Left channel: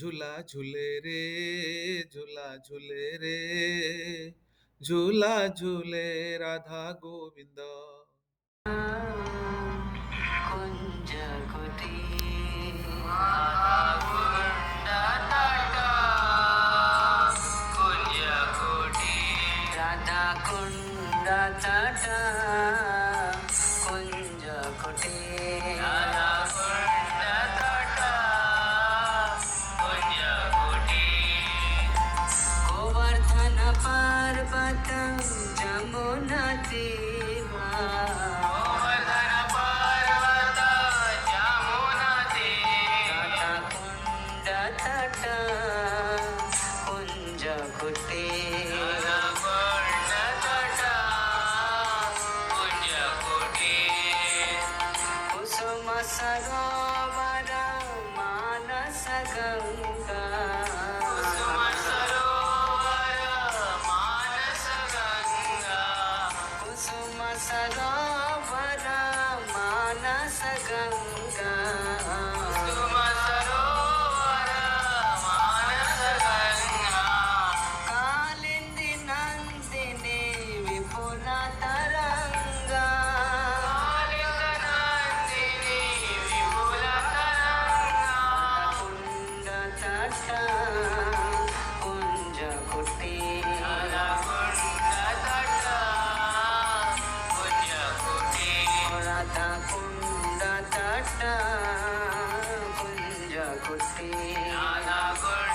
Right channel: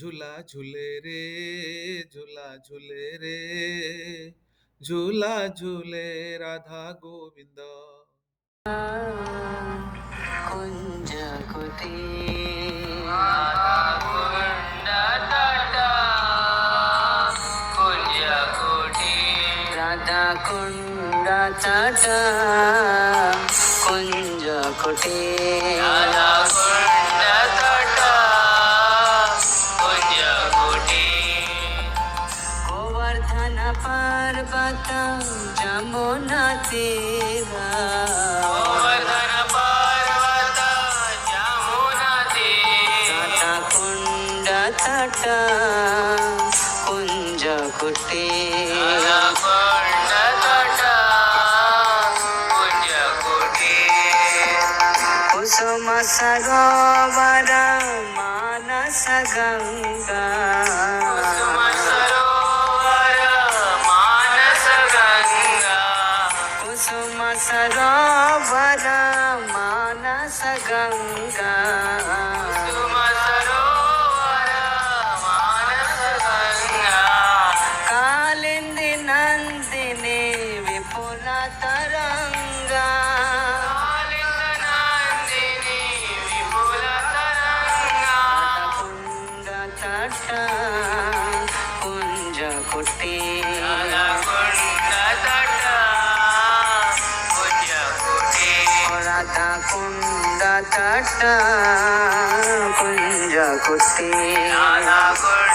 ঝুলা ঝুলে রে, ঝুলা ঝুলে রে, ঝুলা ঝুলে রাধা গোবিন্দ। কুঞ্জ কুটি রাধা কুণ্ড তট কুঞ্জ কুটি রাধা কুণ্ড তট কুঞ্জ কুটি গোবর্ধন পর্বত যমুনা তীরা গোবর্ধন পর্বত যমুনা তীরা রাধা কুণ্ড তট কুঞ্জ কুটি కుసుమ సరోవర మానస గంగా కుసుమ సరోవర మానస గంగా కుసుమ సరోవర మానస గంగా కుసుమ సరోవర మానస గంగా కాలింది నందిని విపుల తరంగా कुंज कुटी राधा कुंड तट कुंज कुटी राधा कुंड तट कुंज कुटी राधा कुंड